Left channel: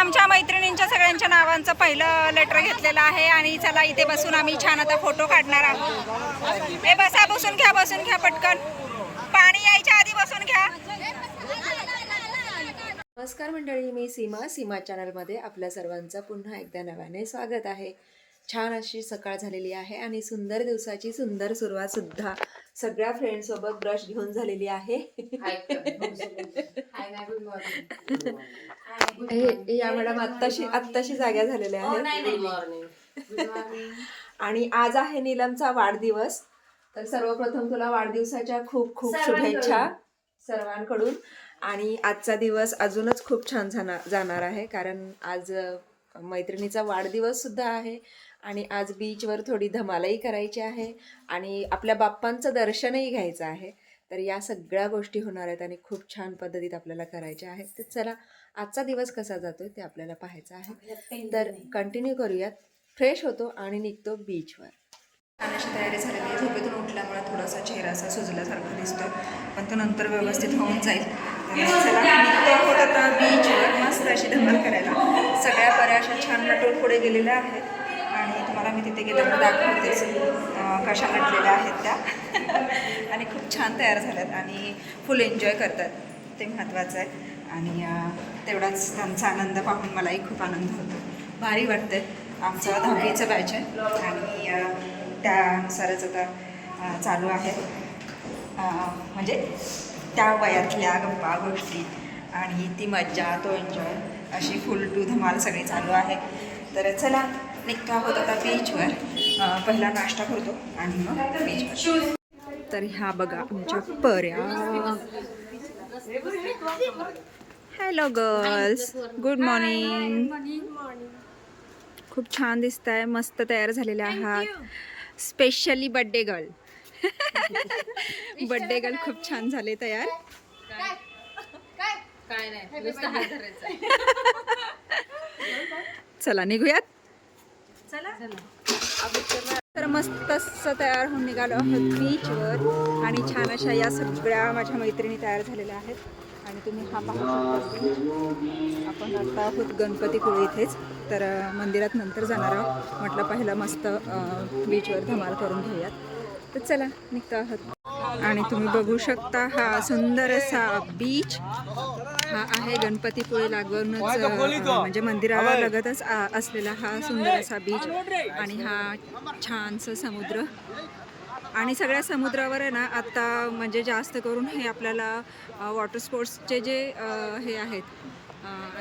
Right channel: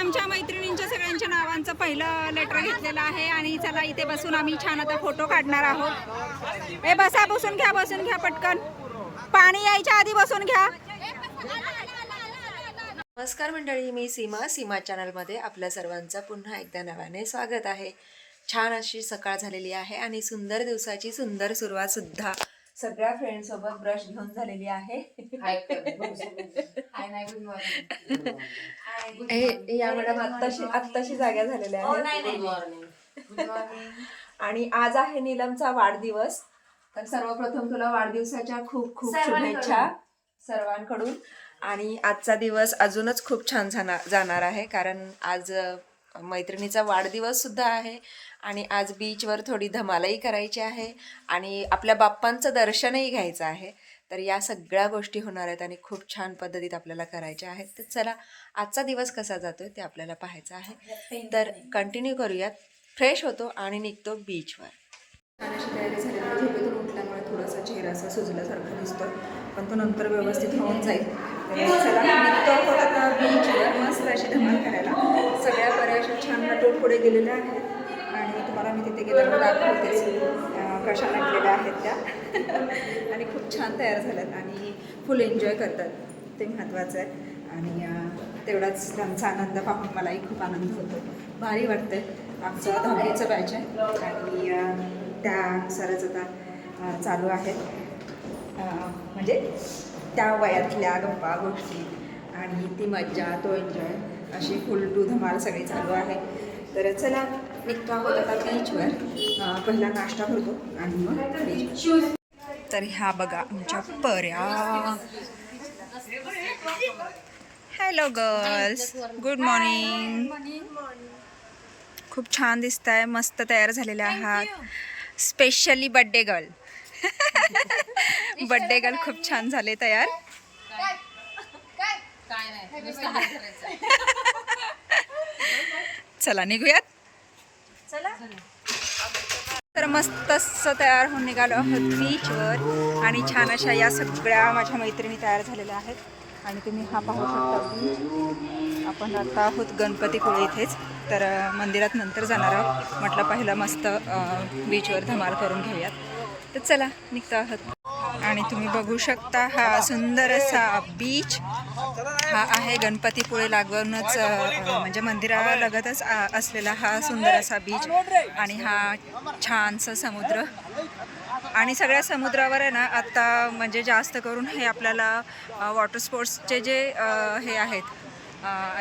आमच्या मैत्रिणींच्या सगळ्यांच्या नावांचं पहिलं लेटर घेतलेलं आहे आणि चला इथे बसून आम्ही छान आता फोटो काढणार आहोत. हे बसा बसून घ्या बसून घ्या पटकन. पाणी यायच्या आधी बसून घ्या. नमस्कार मंडळी मी सीमा सीमा चॅनलमध्ये आपल्या सर्वांचं पुन्हा एकदा नव्याने स्वागत आहे. छान अशी सकाळ झालेली आहे आणि सुंदर दिवसाची सुंदर सुरुवातसुद्धा सगळ्या फ्रेंड सोबत ब्रश घेऊन झालेली आहे. हे या मॅडम आत्ताशी आत्ताशी जाग्या झालेल्या आहेत. आणि आज आहे नीलमचा वाढदिवस. तर सर्वप्रथम तुला वाढदिवसाच्या खूप खूप शुभेच्छा सर्वांकडून. आणि आजचा दिवस अजूनच खूप छान जाणार जाणार आहे कारण आज मैत्रिणीचा वाढदिवस सुद्धा आहे. आणि आज बीचवर थोडी धमालही करायची आहे आणि आपल्या बाप्पांचं दर्शनही घ्यायचं आहे. तर या सगळ्या गोष्टी होणार आहेत आणि खूप छान पद्धतीत आपल्याला करायच्या आहेत. तर चला आजचा दिवस कसा जातोय ते आपल्याला पाहायचं आहे. तर कंटिन्यू करूयात. फ्रेश होतो आणि निघतो बीचवर छान अशी तयारी झाली आहे. झोपेतून उठल्यामुळे थोडासा चेहरा असा सुजल्यासारखा दिसतो पण तो नंतर व्यवस्थित होऊन जाईल. चला निघतो आहोत आता बीचवर मस्त अशी धमाल करायला. सगळ्या बऱ्या अशा छान नटून पुढे गेलेल्या आहेत. आणि तुम्हाला मी तिथे गेल्यावर दाखवतेच कशा नटलेल्या आहेत त्या. आणि खूप छान तयार झाल्यात आणि फुल एन्जॉय करतात ते महत्त्वाचं आहे. आणि तेवढाच त्यांचा आनंद पाहून मलाही खूप आनंद होतो. भारी वाटते आमचं दहावीचं बॅच आहे आणि त्यानुसारच आता चालू आहे. म्हणजे त्या वयातल्या गप्पा गोष्टी आणि ती मज्जा तो एन्जॉय अशी फुल टू धमाल सगळी चालू आहे. तर चला निघतो आहोत आता बीचवर पहिला नाश्ता करतो आणि मग बीचवर तर ह्या बघा आमच्या पर्या. हॅलो गर्ल्स गुड मॉर्निंग खूप छान दिसत आहे मस्त तयार झालेल्या आहात. Specially birthday girl birthday girl खूप छान झाले तयार. चला निघूयात. तर मस्त असं तयार होऊन निघालो आहोत बीचवर आणि छान अशा या सगळ्या माझ्या मैत्रिणी तयार झालेल्या आहेत. आणि तुम्ही हा पाहू शकता. आपण आता आहोत गणपतीपुळे इथेच. तर मंदिरात नंतर जाणार आहोत. म्हटलं पहिलं मस्त बीचवर धमाल करून घेऊयात. तर चला निघतो आहोत. आणि तुम्ही बघू शकता हा सुंदर असा बीच हा आहे गणपतीपुळे लागूनच म्हणजे मंदिरालगतच लगतच असलेला हा सुंदर असा बीच आणि हा छानसा समुद्र. आणि सगळ्या समुद्रावर आहे ना आत्ता म्हणजे जास्त करून हे आपल्याला वॉटर स्पोर्ट्सचे जे हे आहेत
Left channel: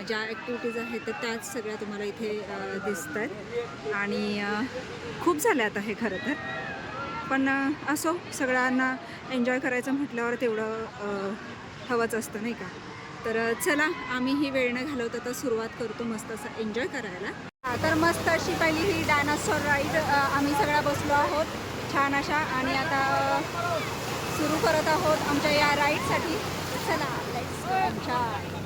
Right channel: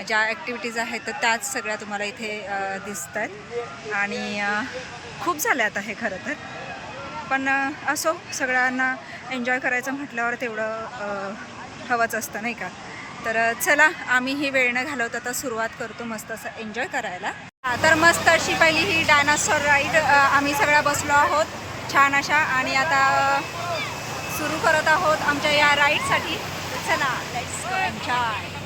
ज्या ॲक्टिव्हिटीज आहेत तर त्याच सगळ्या तुम्हाला इथे दिसत आहेत आणि खूप झाल्या आता हे खरं तर. पण असो सगळ्यांना एन्जॉय करायचं म्हटल्यावर तेवढं हवंच असतं नाही का? तर चला आम्ही ही वेळ न घालवत आता सुरुवात करतो मस्त असं एन्जॉय करायला. तर मस्त अशी पहिली ही डायनासॉर राईड आम्ही सगळ्या बसलो आहोत छान अशा. आणि आता सुरू करत आहोत आमच्या या राईडसाठी. चला लेट्स एन्जॉय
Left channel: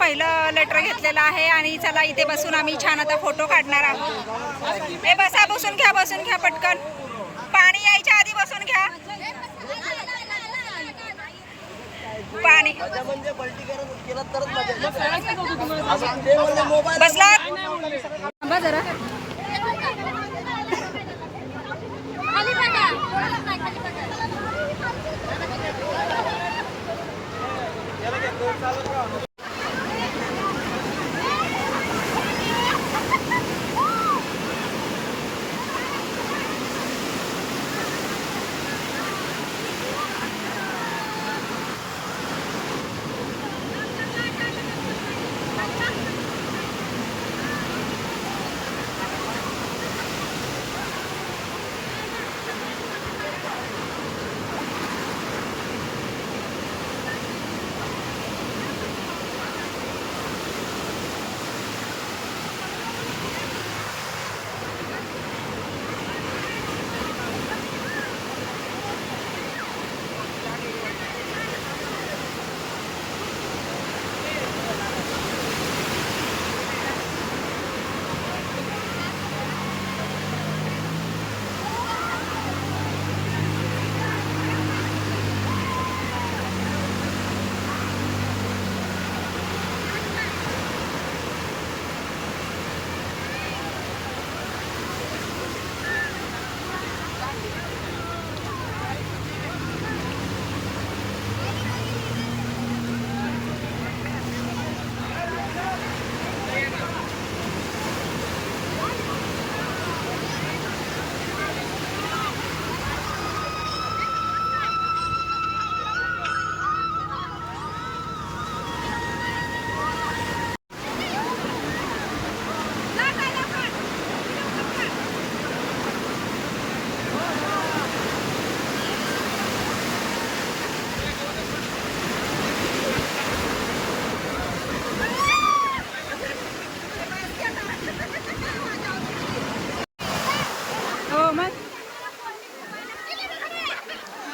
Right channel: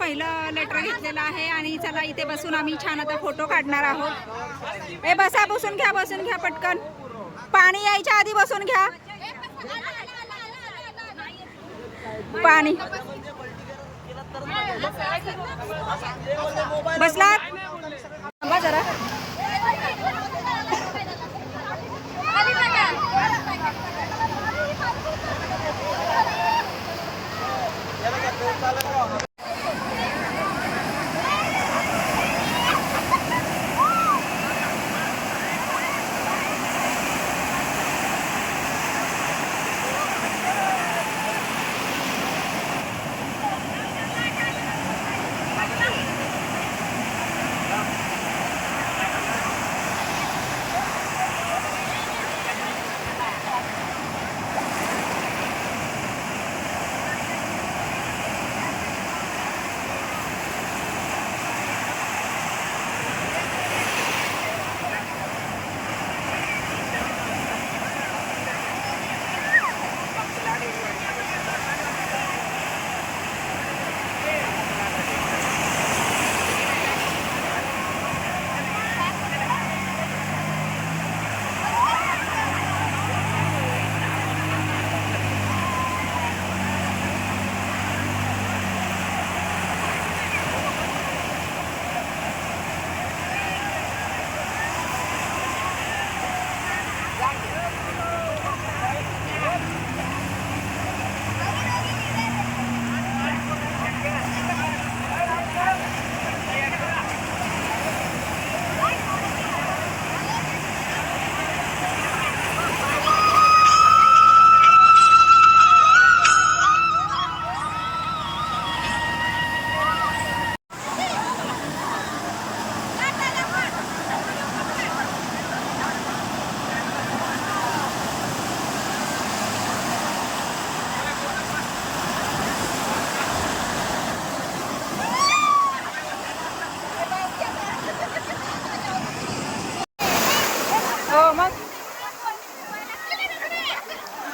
पहिलं लेटर घेतलेलं आहे आणि चला इथे बसून आम्ही छान आता फोटो काढणार आहोत. हे बसा बसून घ्या बसून घ्या पटकन. पाणी यायच्या आधी बसून घ्या. पाणी. बसलात?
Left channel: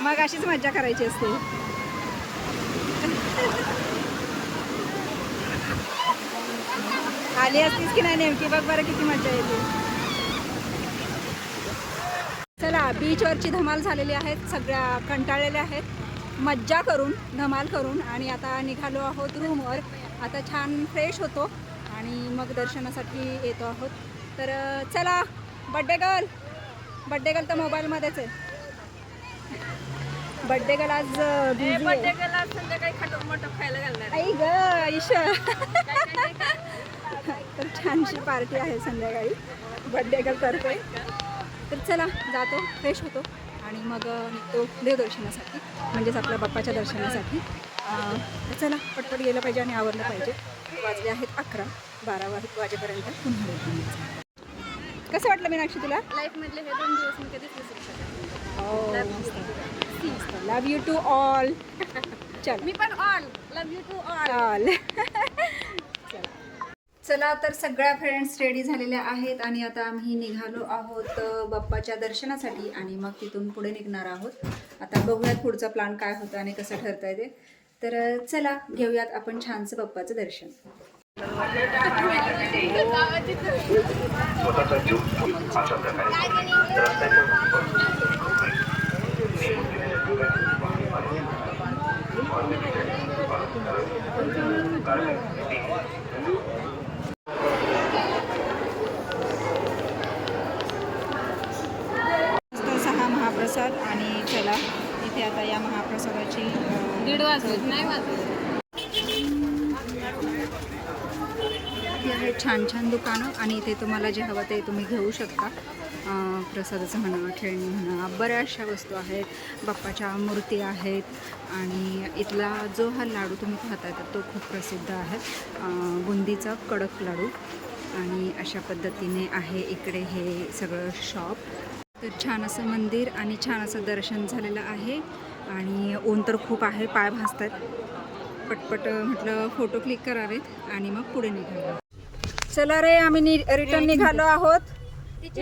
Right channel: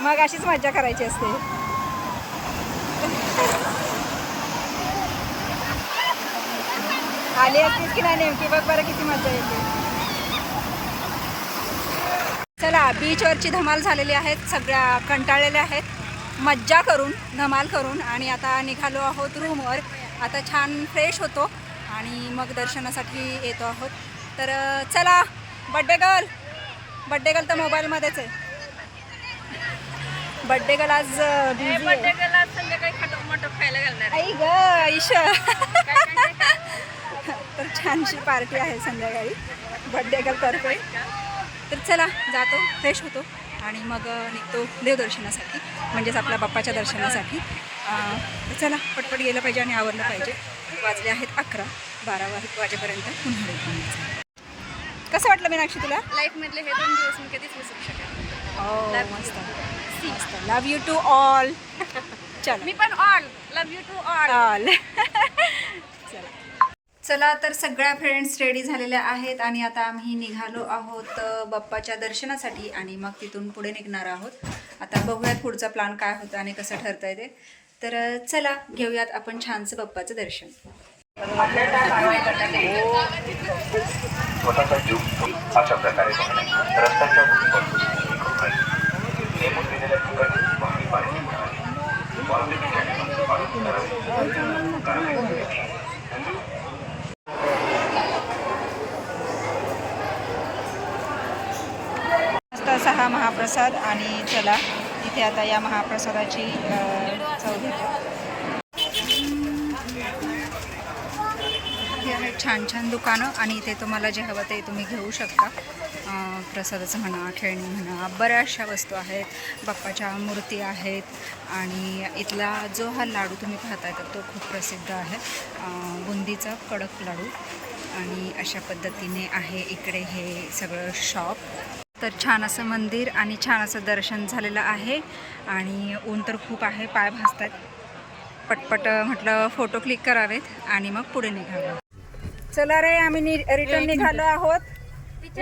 मग अशीच मज्जा करायची असते. आली असतीस की नाही नेमकी? बघ बरं किती मज्जा येते. चला बीचवरची धमाल झालेली आहेत सगळ्या कंटाळलेल्या आहेत. मज्जा करून धमाल करून आणि आता निघालो आहोत रूमवर आता छान फ्रेश होतो आणि मग दर्शनासाठी येतो आहोत. तर चला बड्डे गर्ल बड्डे गर्ल तर मोबाईलमध्येच आहे. बड्डे गर्ल आज बिझी आहे. आई ग ईश. तर छानशी पार्टी आहे संध्याकाळी. बड्डे गर्ल तर्फे तर चला जातो फ्रेश होतो. आणि मग निघतो देवदर्शनासाठी. म्हणजेच आपल्या बाप्पाच्या दर्शनासाठी. तर चला पटपट गेलं पाहिजे आणि आवरलं पाहिजे. वाजले आहेत अकरा बारा वाजेपर्यंत पुन्हा. कसं वाटलं मीनाक्षी तुला? लाईफ मधले हे दोन दिवस मी कधीच विसरू शकत ओ मस्त. मस्त लव यू टू ऑल चला मी पण all love you to all all चला चला तर सगळ्या फ्रेंड्स रेडी झालेल्या आहेत आणि आता आम्ही निघालो आहोत बाप्पाच्या दर्शनासाठी आणि मग तिथून पुढे निघणार आहोत. आता बघूयात पुढचा प्लॅन काय होतं आणि कसं ठरतं आहे ते. तर चला घेऊयात आपण छानसं बाप्पाचं दर्शन. स्वतःचा जीव अशा प्रकारे रस्त्याच्या असा हा महाप्रसाद आणि चला इथे आता या महाप्रसादाची अ, चव आहेत छान छान दुकानं आणि इथे तुम्हाला जे हवं ते तुम्ही घेऊ शकता. प्रसादाचं म्हणा खेळणी म्हणा बऱ्याचशा वस्तू आहेत. बाप्पाच्या मूर्ती आहेत आणि इथला जो हा लाडू तुम्ही पाहताय तर तो खूप प्रसिद्ध आहे. बुंदीचा कडक लाडू आणि अशा पद्धतीने आहे इकडे हे सगळं शॉप. तर छान असं मंदिर आणि छान असं दर्शन झालेलं आहे आणि ऊन तर खूप आहे पाय भासतात पटपट म्हटलं फोटो क्लिक करावेत आणि मग पुढे निघावं. चला रे आम्ही नि रिटर्न निघालो आहोत.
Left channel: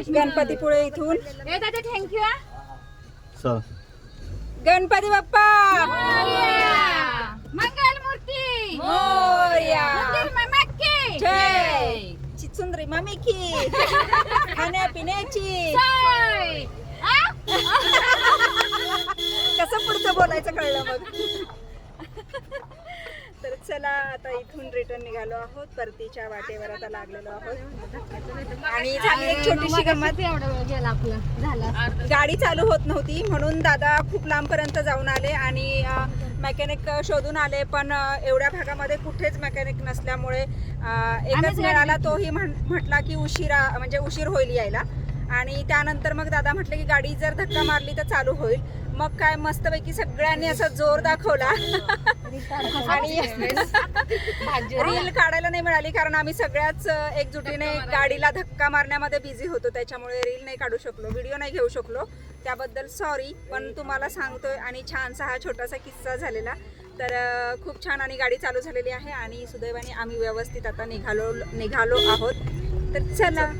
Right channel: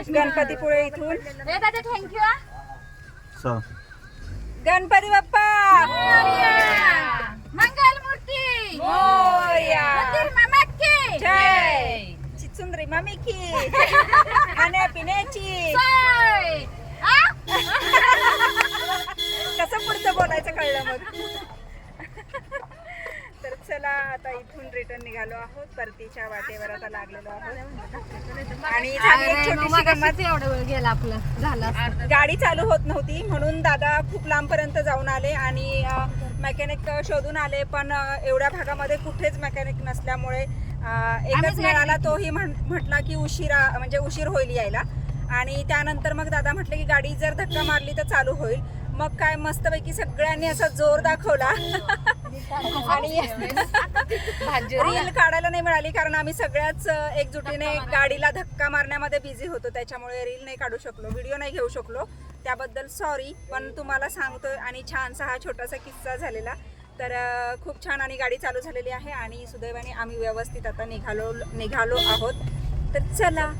गणपतीपुळे इथून. थँक्यू गणपती बाप्पा! मंगल मूर्ती जय. चिचुंद्री मम्मी की. खाण्यापिण्याची. जय. आ? कसं पुढचं बोलायचं कळलं मग? आता इथून रिटर्न निघालो आहोत. परतीच्या वाटेवर आता लागलेलो आहोत. आणि झाली एक छोटीशी गंमत एवढा वेळ गेला आपला. झाला गाडी चालू होत नव्हती म्हणून दादा खूप लांबपर्यंत जाऊन आले आणि मेकॅनिक शोधून आले पण एवढ्या भागामध्ये कुठेच मेकॅनिक नसल्यामुळे एकच मिळाला तोही म्हटला की उशिरा म्हणजे उशीर होईल यायला. आणि त्यानंतर मग दादा म्हटले की गाडी जर धक्का मारली तर चालू होईल. मग काय मस्तपैकी सगळ्यांनी असा जोर दाखवला. आणि रील काढायला नाही मिळाली कारण आम्ही सगळ्याच एकजुटीने गाडीला धक्का मारण्यामध्ये बिझी होतो. त्याच्यामुळे रील नाही काढू शकलो व्हिडिओ नाही घेऊ शकलो. त्याबद्दल सॉरी पण तुम्हाला सांगतोय आणि छानसा हा छोटासा किस्सा झालेला. तर खूप छान आणि गाडी चालू झालेली आहे आणि सुदैवाने आम्ही व्यवस्थित आता निघालो निघालो आहोत. तर चला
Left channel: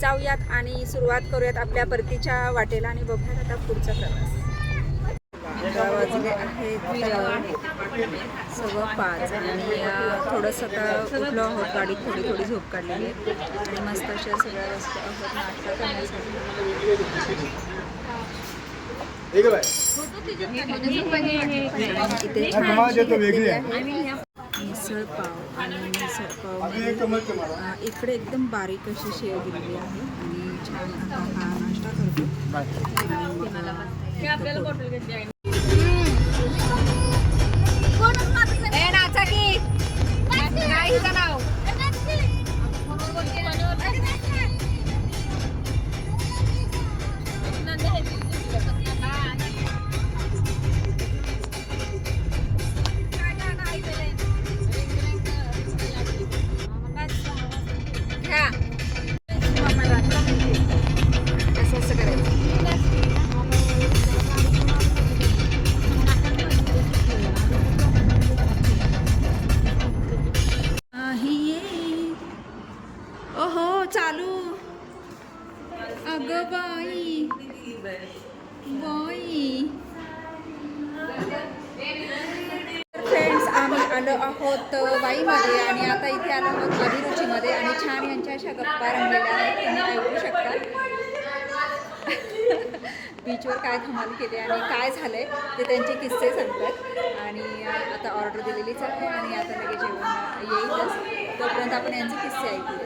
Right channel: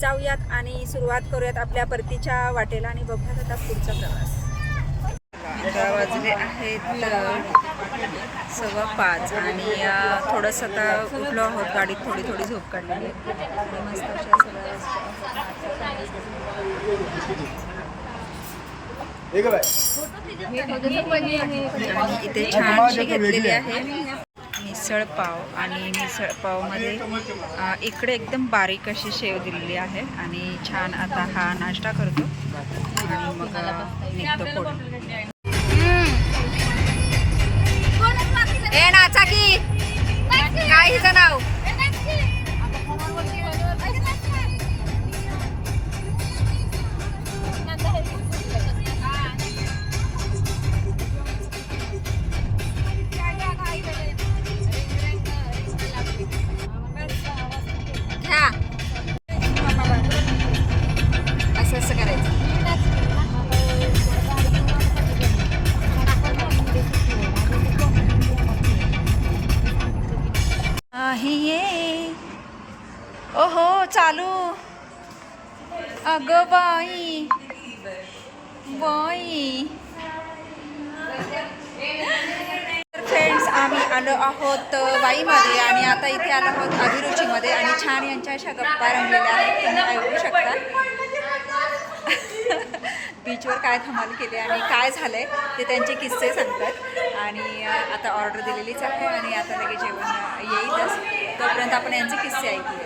जाऊयात आणि सुरुवात करूयात आपल्या परतीच्या वाटेला आणि बघूयात आता पुढचा प्रवास. वाजले आहेत सव्वा पाच आणि थोडंसं आता उठलो आहोत गाडीत थोडी थोडी झोप काढलेली आहे. मस्त अशा सगळ्या इथे छानशी घेतलेली आहे. मिसळ पाव आणि मिसळ पावमध्ये इकडे एकदम बारीक अशी शेव दिलेली आहे आणि छान आता हा नाश्ता करतो. आणि मग निघतो बाई. बाई. फ्रेंड्स आम्ही आलो आहोत वाईमध्ये आणि आता इथे आलो आहोत अभिरुचीमध्ये आणि छान यांच्या अशा गप्पा रंगलेल्या आहेत. तुम्ही ऐकू शकता? बीचवर काय धमाल केली आणि काय झालं आहे ते त्यांचे किस्से सांगतात. आणि आता ऑर्डर दिलेलीच आहे आणि आता लगेच जेवण येईलच. तोपर्यंत आपण यांचे किस्से ऐकूया.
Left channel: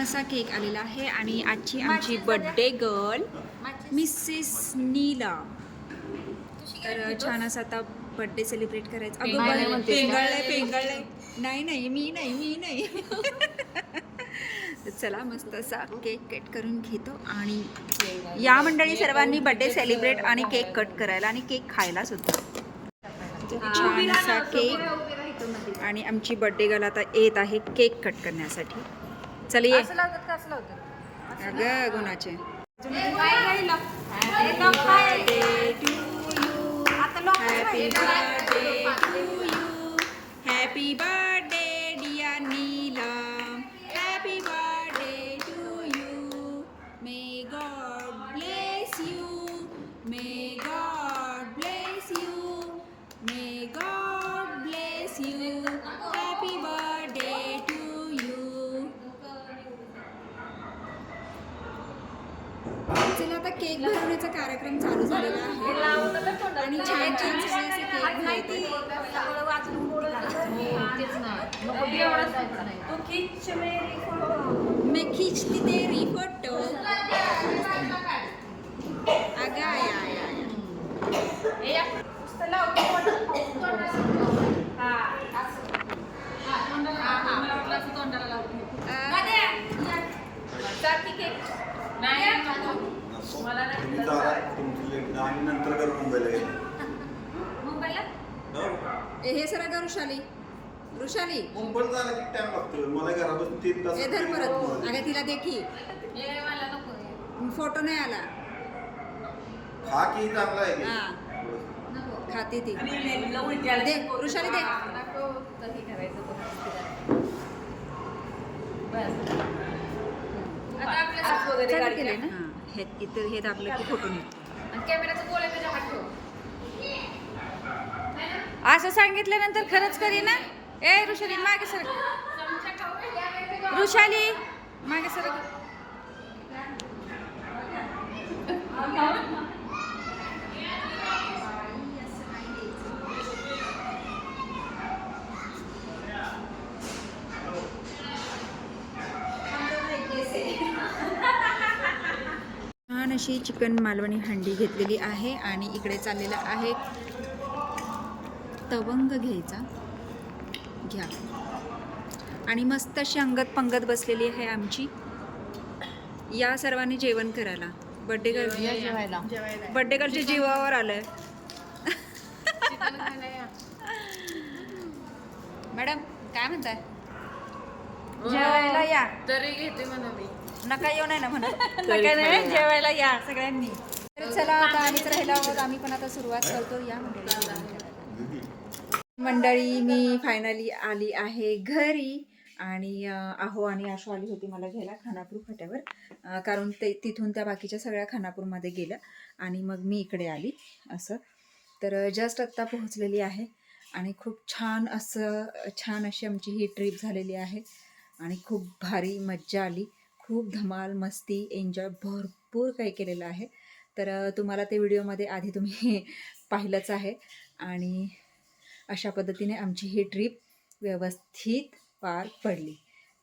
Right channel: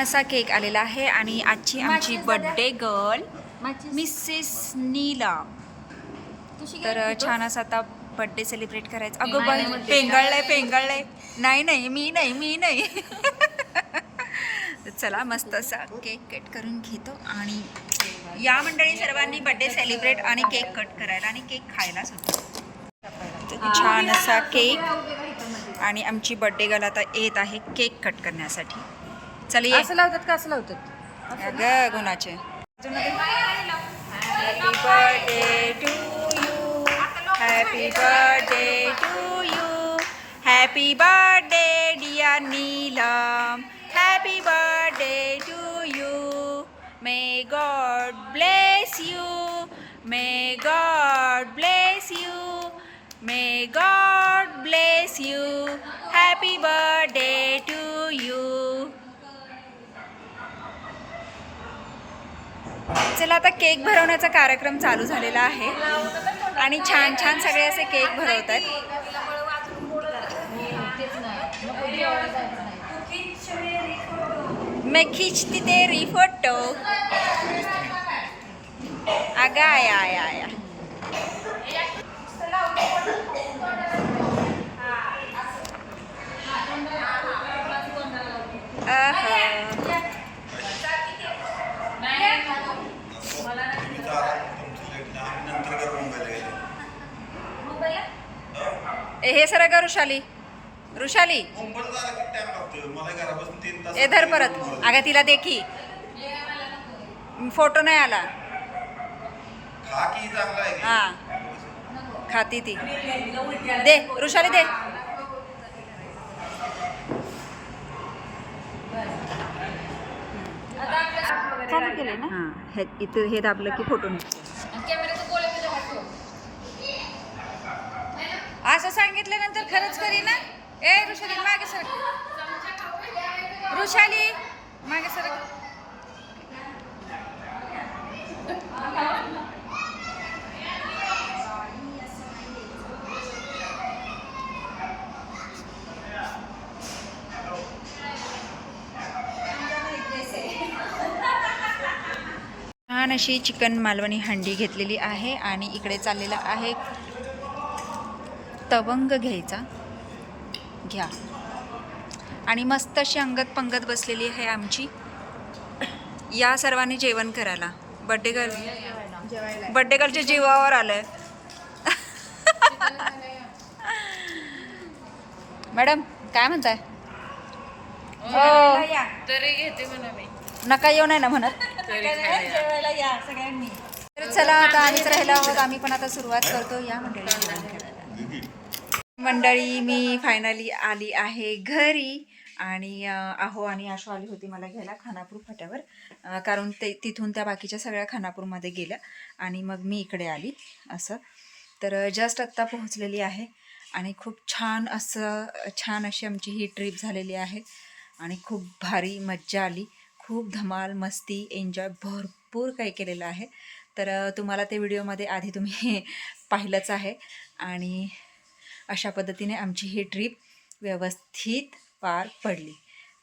छान असा केक आलेला आहे आणि आजची आमची बर्थडे गर्ल मिसेस नीला तर छान असं आता बर्थडे सेलिब्रेट करायचं. अगं बाई पेंगळलंय पेंगळलंय. नाही नाही मी नाही मी नाही. चला मस्त असा केक कट करून घेतो आणि या मंडळी सर्वांनी बर्थडे सेलिब्रेट आणि केक कट करायला आणि केक खायला सुद्धा. छान असा केक. आणि आमची बर्थडे गर्ल आता येत आहे केक कट करण्यासाठी. चल ये असं लावतात का? असं लावतात. अगं गुणाचे. Happy birthday to you happy birthday to you happy birthday dear Neelam happy birthday to you may God bless you may God bless you may God bless you happy birthday चला आता केक भरवण्याचा कार्यक्रम चालू झालेला आहे. आणि छान छान सगळे असे केक भरवत आहेत मे ना मग जेवायला जायचं नाही फोटो अगा आया आया. आया तुम्ही चाला तुमचं लग्न आम्ही नंतर करू मुंबईला गेलो मुंबईला? ए, हे सर का ऋषाली ऋषाली. मुंबईला जायला किती टाइम लागतो मला घरापासून तीन तास ए धर परत. अगं तिला देखी फोटो नाही आला. खा की चांगला आहे हा. खाती ती. दे ऋषाली दे. चालू केले ना? हा. हे इथं हे दाबलं की फोटो निघतो. तुझ्या हात ठेव. असं सांगितल्यानंतर खरंच करी ना? ए ऋषाली मागे सर. ऋषाली मागे सर. छान अशी चिकन मालवणी हंडी घेतलेली आहे आणि इकडे चाललेला आहे तवंग घ्यायचा. घ्या. आणि मस्त अशी अंगत पंगत बसलेली आहे आमची. या सर्वांनी जेवण करायला. बड्डे गर्ल बड्डे गर्लच्या जीवावर आलंय. मॅडम काय म्हणताय? या. तरी घेते म्हणा मी नका येऊ नाही ना म्हणत नका नाही, जेवायला या सगळ्यांनी. तर चला आता आम्हीच राहिलो आहोत. आम्ही पण आता सुरुवात करतो या मंडळी. जेवण करायला मंडळी मी फायनली आली आहे घरी आणि अं, आहो आणि आशो आली होती मला घ्यायला खानापूर फाट्यावर. अं, कारण ते तिथून त्या बाकीच्या सगळ्या खानापूरमध्ये गेल्या आणि मग मी इकडे आली असं. तर जस्ट आत्ता पोहोचलेली आहे आणि खूप छान असं छान अशी आमची ही ट्रिप झालेली आहे आणि खूप भारी मज्जा आली. खूप धमाल मस्ती एन्जॉय भरपूर काही केलेलं आहे. तर तुम्हाला ते व्हिडिओमध्ये आधी तुम्ही पाहिलंच आहे. आणि अशा पद्धतीने आमची ही ट्रिप व्यवस्थित पार पडली.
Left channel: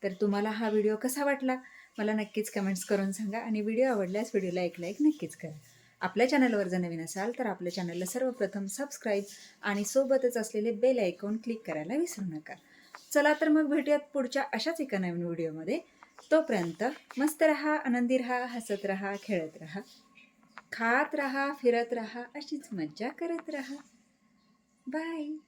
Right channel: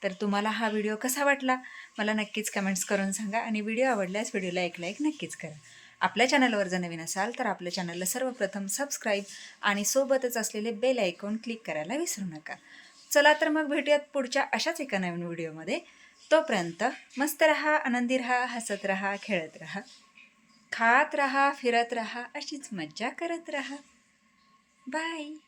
तर तुम्हाला हा व्हिडिओ कसा वाटला? मला नक्कीच कमेंट्स करून सांगा आणि व्हिडिओ आवडल्यास व्हिडिओला एक लाईक नक्कीच करा. आपल्या चॅनलवर जर नवीन असाल तर आपल्या चॅनलला सर्वप्रथम सबस्क्राईब आणि सोबतच असलेले बेल आयकॉन क्लिक करायला विसरू नका. चला तर मग भेटूयात पुढच्या अशाच एका नवीन व्हिडिओमध्ये. तोपर्यंत मस्त रहा आनंदी रहा हसत रहा खेळत रहा. खात रहा फिरत रहा अशीच मज्जा करत रहा. बाय.